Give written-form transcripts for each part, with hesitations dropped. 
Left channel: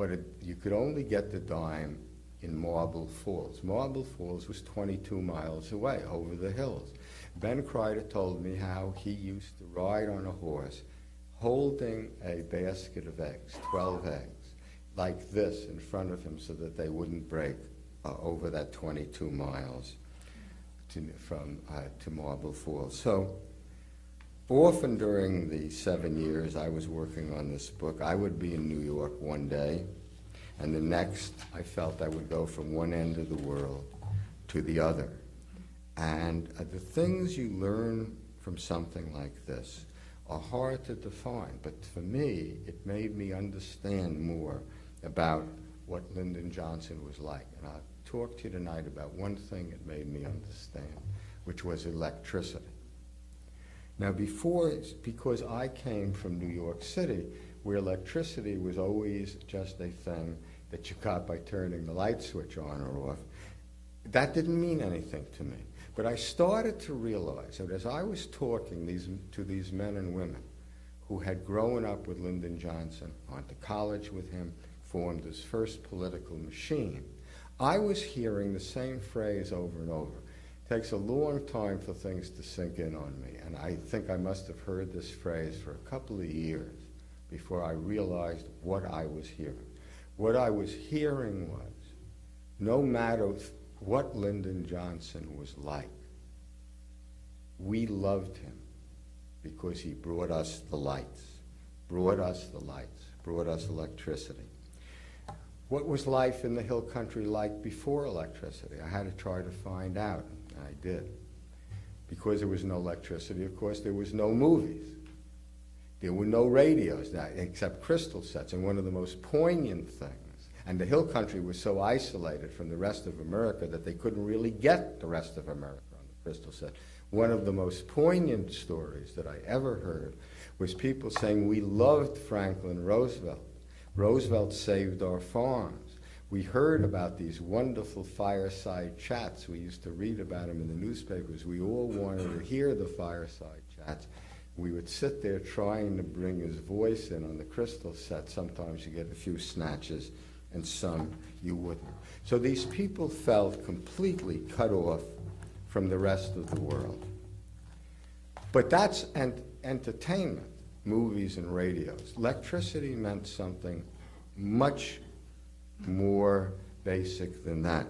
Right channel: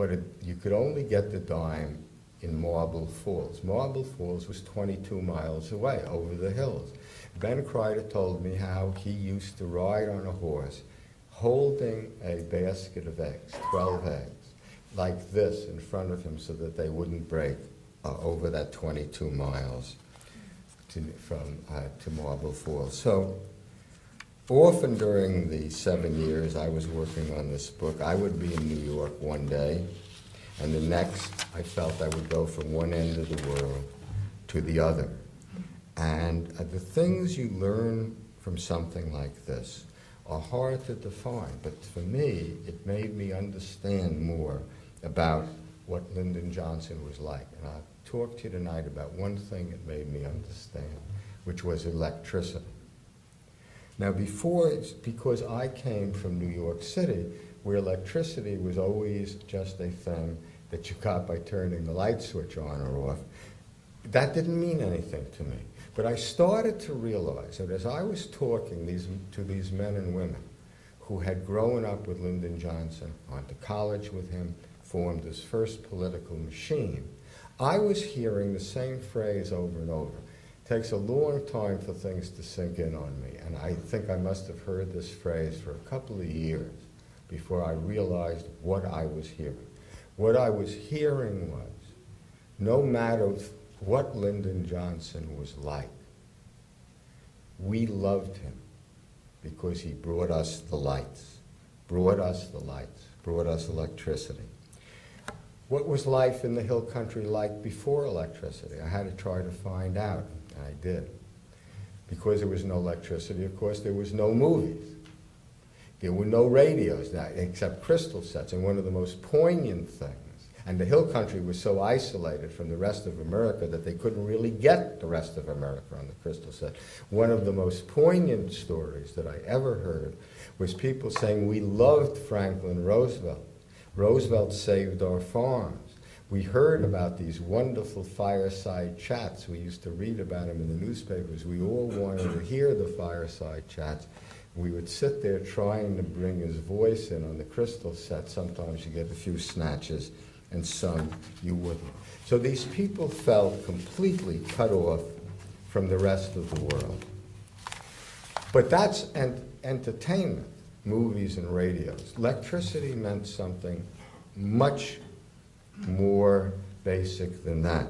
but you could only get the dime in Marble Falls. Marble Falls was 22 miles away, over the hills. Ben Kreider told me how he used to ride on a horse holding a basket of eggs, 12 eggs, like this in front of him so that they wouldn't break over that 22 miles to Marble Falls. So often during the 7 years I was working on this book, I would be in New York one day, and the next I felt I would go from one end of the world to the other. And the things you learn from something like this are hard to define, but for me, it made me understand more about what Lyndon Johnson was like. And I'll talk to you tonight about one thing that made me understand, which was electricity. Now because I came from New York City, where electricity was always just a thing that you got by turning the light switch on or off, that didn't mean anything to me. But I started to realize that as I was talking to these men and women who had grown up with Lyndon Johnson, gone to college with him, formed his first political machine, I was hearing the same phrase over and over. It takes a long time for things to sink in on me, and I think I must have heard this phrase for a couple of years before I realized what I was hearing. What I was hearing was, no matter what Lyndon Johnson was like, we loved him because he brought us the lights, brought us electricity. What was life in the hill country like before electricity? I had to try to find out, and I did. Because there was no electricity, of course, there was no movies. There were no radios, except crystal sets, and one of the most poignant things, and the hill country was so isolated from the rest of America that they couldn't really get the rest of America on the crystal set. One of the most poignant stories that I ever heard was people saying, we loved Franklin Roosevelt. Roosevelt saved our farms. We heard about these wonderful fireside chats. We used to read about them in the newspapers. We all wanted to hear the fireside chats. We would sit there trying to bring his voice in on the crystal set. Sometimes you get a few snatches, and some you wouldn't. So these people felt completely cut off from the rest of the world. But that's entertainment, movies and radios. Electricity meant something much more basic than that.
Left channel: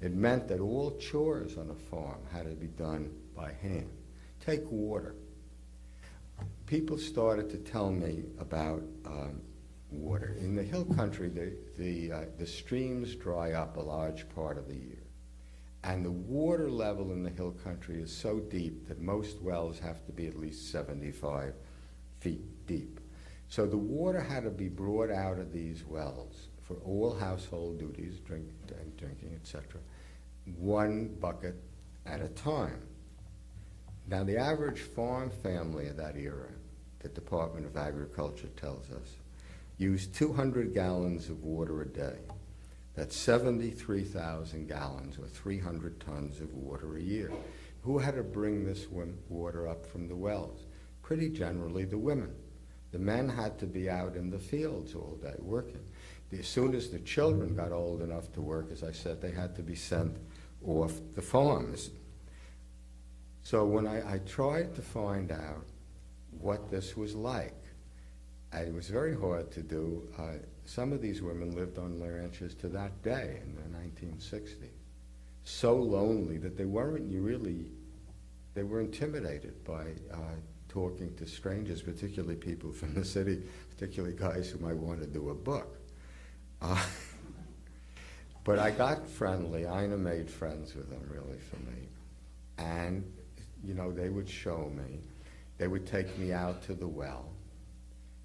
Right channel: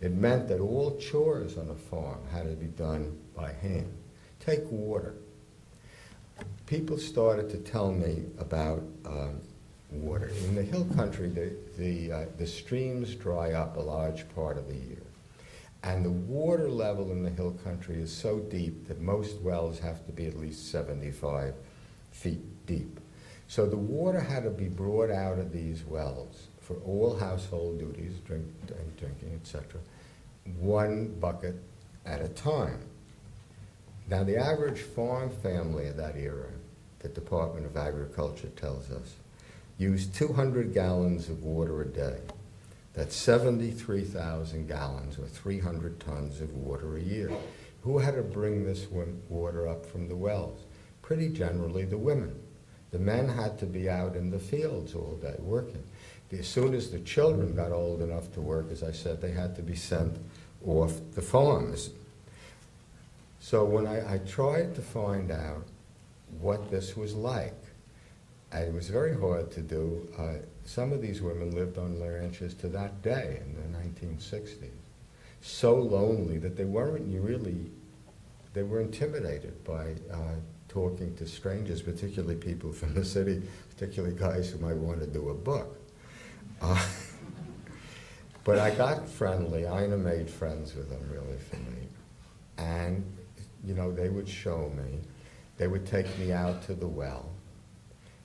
It meant that all chores on a farm had to be done by hand. Take water. People started to tell me about water. In the hill country, the streams dry up a large part of the year. And the water level in the hill country is so deep that most wells have to be at least 75 feet deep. So the water had to be brought out of these wells for all household duties, drinking, etc., one bucket at a time. Now, the average farm family of that era, the Department of Agriculture tells us, used 200 gallons of water a day. That's 73,000 gallons, or 300 tons of water a year. Who had to bring this water up from the wells? Pretty generally the women. The men had to be out in the fields all day working. As soon as the children got old enough to work, as I said, they had to be sent off the farms. So when I tried to find out what this was like, and it was very hard to do. Some of these women lived on ranches to that day in the 1960s. So lonely that they were intimidated by talking to strangers, particularly people from the city, particularly guys who might want to do a book. But I got friendly. Ina made friends with them, really, for me. And, you know, they would show me. They would take me out to the well.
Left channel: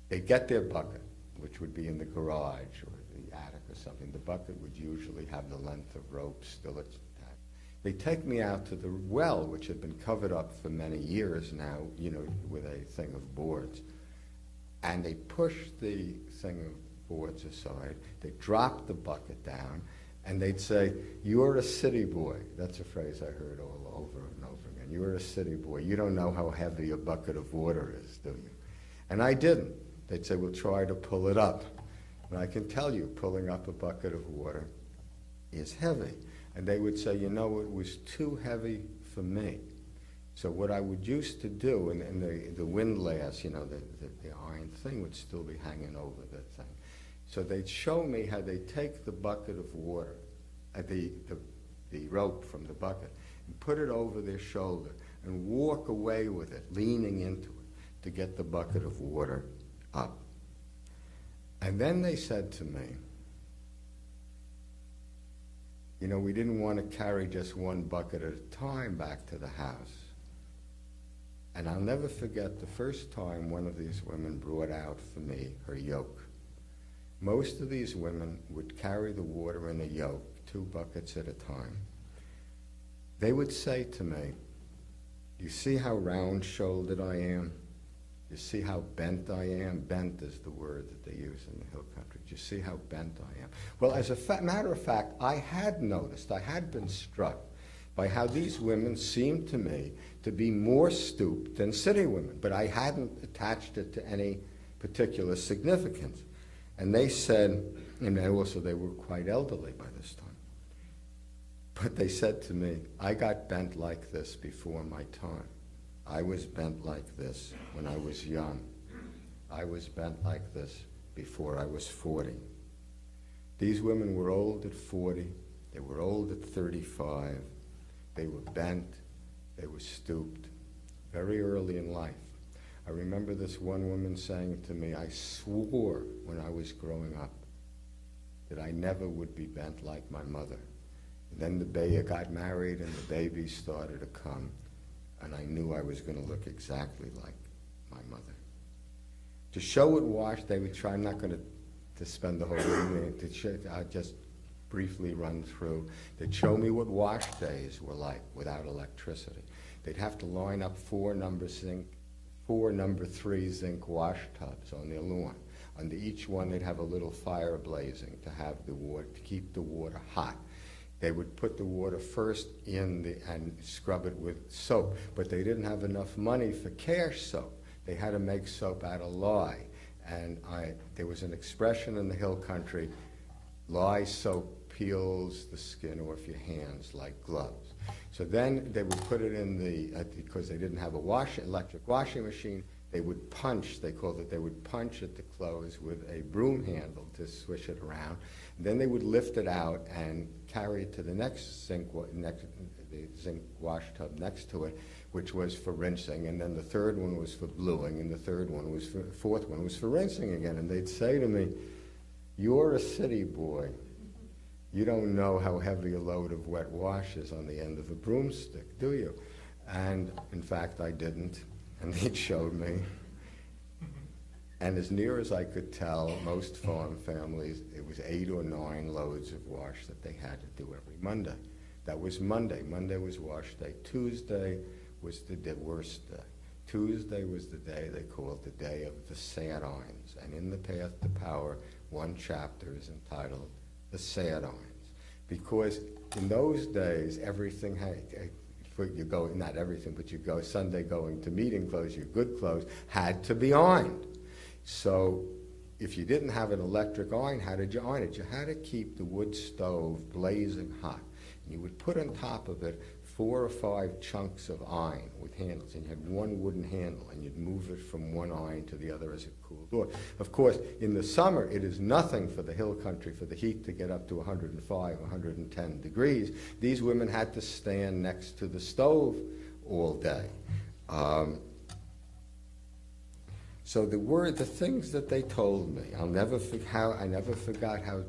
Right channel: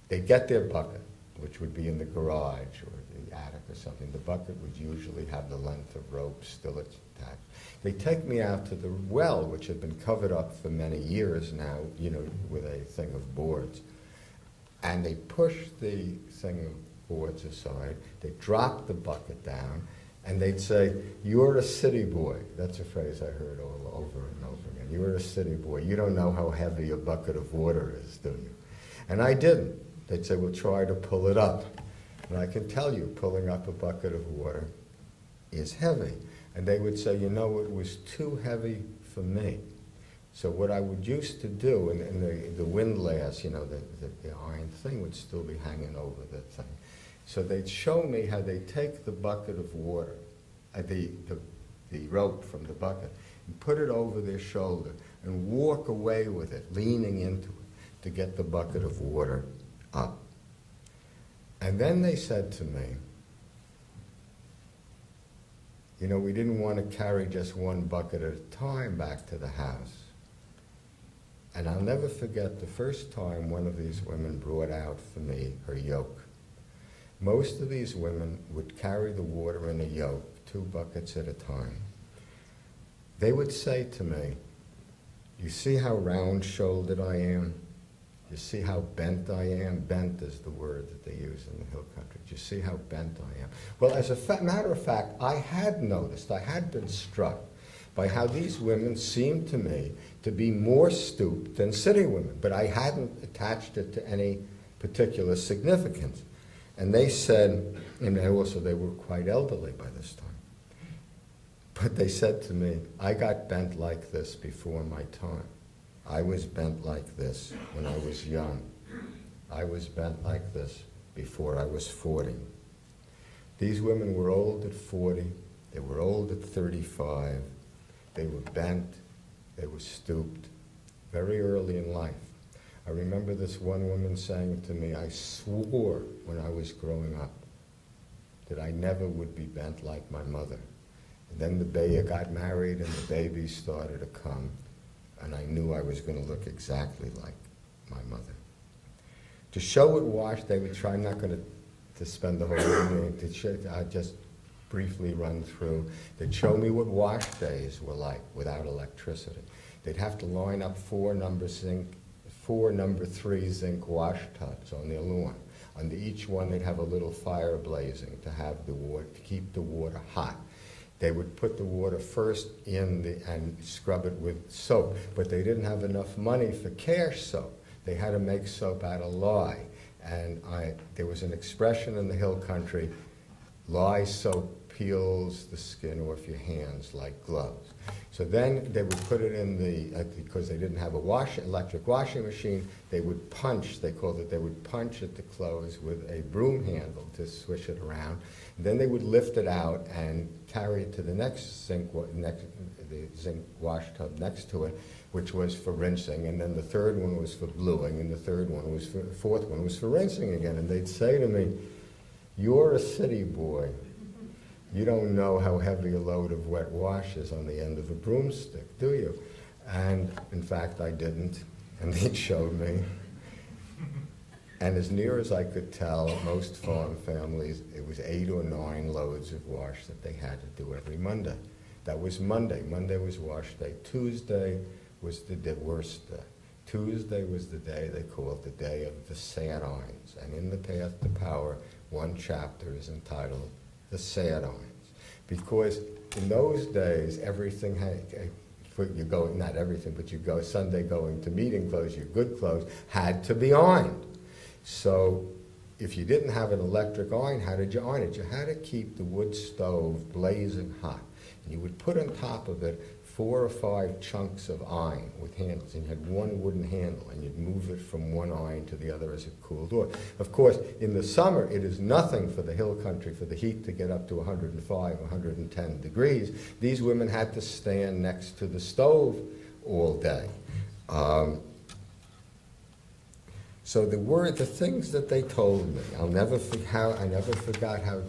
They'd get their bucket, which would be in the garage or the attic or something. The bucket would usually have the length of rope still intact. They'd take me out to the well, which had been covered up for many years now, you know, with a thing of boards. And they'd push the thing of boards aside. They'd drop the bucket down, and they'd say, "You're a city boy." That's a phrase I heard all over and over again. "You're a city boy. You don't know how heavy a bucket of water is, do you?" And I didn't. They'd say, "We'll try to pull it up." And I can tell you, pulling up a bucket of water is heavy. And they would say, you know, it was too heavy for me. So what I would used to do, and the windlass, you know, the iron thing would still be hanging over the thing. So they'd show me how they take the bucket of water, the rope from the bucket, and put it over their shoulder and walk away with it, leaning into it to get the bucket of water up. And then they said to me, you know, we didn't want to carry just one bucket at a time back to the house. And I'll never forget the first time one of these women brought out for me her yoke. Most of these women would carry the water in a yoke, 2 buckets at a time. They would say to me, you see how round-shouldered I am? You see how bent I am? Bent is the word that they use in the hill country. Do you see how bent I am? Well, as a matter of fact, I had noticed, I had been struck by how these women seemed to me to be more stooped than city women, but I hadn't attached it to any particular significance. And they said, and they were quite elderly by this time, but they said to me, I got bent like this before my time. I was bent like this when I was young. I was bent like this before I was 40. These women were old at 40. They were old at 35. They were bent. They were stooped very early in life. I remember this one woman saying to me, I swore when I was growing up that I never would be bent like my mother. And then the baby got married and the babies started to come. And I knew I was going to look exactly like my mother. To show it washed, they would try, I'm not going to spend the whole evening, I'll just briefly run through. They'd show me what wash days were like without electricity. They'd have to line up 4 number 3 zinc wash tubs on their lawn. Under each one, they'd have a little fire blazing to have the water, to keep the water hot. They would put the water first in and scrub it with soap, but they didn't have enough money for cash soap. They had to make soap out of lye. And there was an expression in the hill country, lye soap peels the skin off your hands like gloves. So then they would put it in because they didn't have a electric washing machine, they would punch, they called it, they would punch at the clothes with a broom handle to swish it around. Then they would lift it out and carry it to the next zinc wash tub next to it, which was for rinsing, and then the third one was for bluing, and the fourth one was for rinsing again. And they'd say to me, you're a city boy. You don't know how heavy a load of wet wash is on the end of a broomstick, do you? And in fact, I didn't, and they showed me. And as near as I could tell, most farm families, it was 8 or 9 loads of wash that they had to do every Monday. That was Monday. Monday was wash day. Tuesday was the worst day. Tuesday was the day they called the day of the sad irons. And in The Path to Power, one chapter is entitled The Sad Irons. Because in those days, everything not everything, but you go Sunday going to meeting clothes, your good clothes, had to be ironed. So if you didn't have an electric iron, how did you iron it? You had to keep the wood stove blazing hot. And you would put on top of it 4 or 5 chunks of iron with handles, and you had one wooden handle, and you'd move it from one iron to the other as it cooled off. Of course, in the summer, it is nothing for the hill country for the heat to get up to 105, 110 degrees. These women had to stand next to the stove all day. So the things that they told me, I never forgot how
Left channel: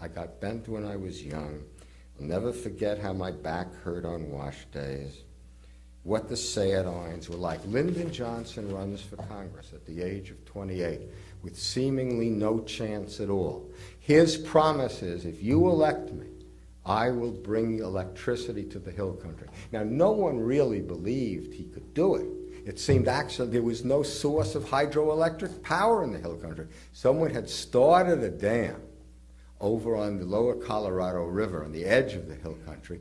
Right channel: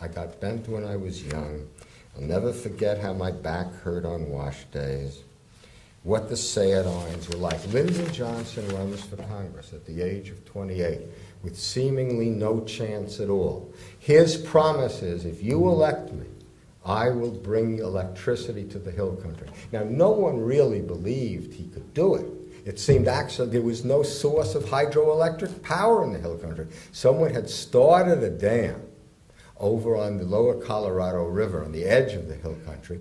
I got bent when I was young. I'll never forget how my back hurt on wash days, what the sad irons were like. Lyndon Johnson runs for Congress at the age of 28 with seemingly no chance at all. His promise is, if you elect me, I will bring electricity to the hill country. Now, no one really believed he could do it. It seemed actually there was no source of hydroelectric power in the hill country. Someone had started a dam over on the lower Colorado River on the edge of the hill country,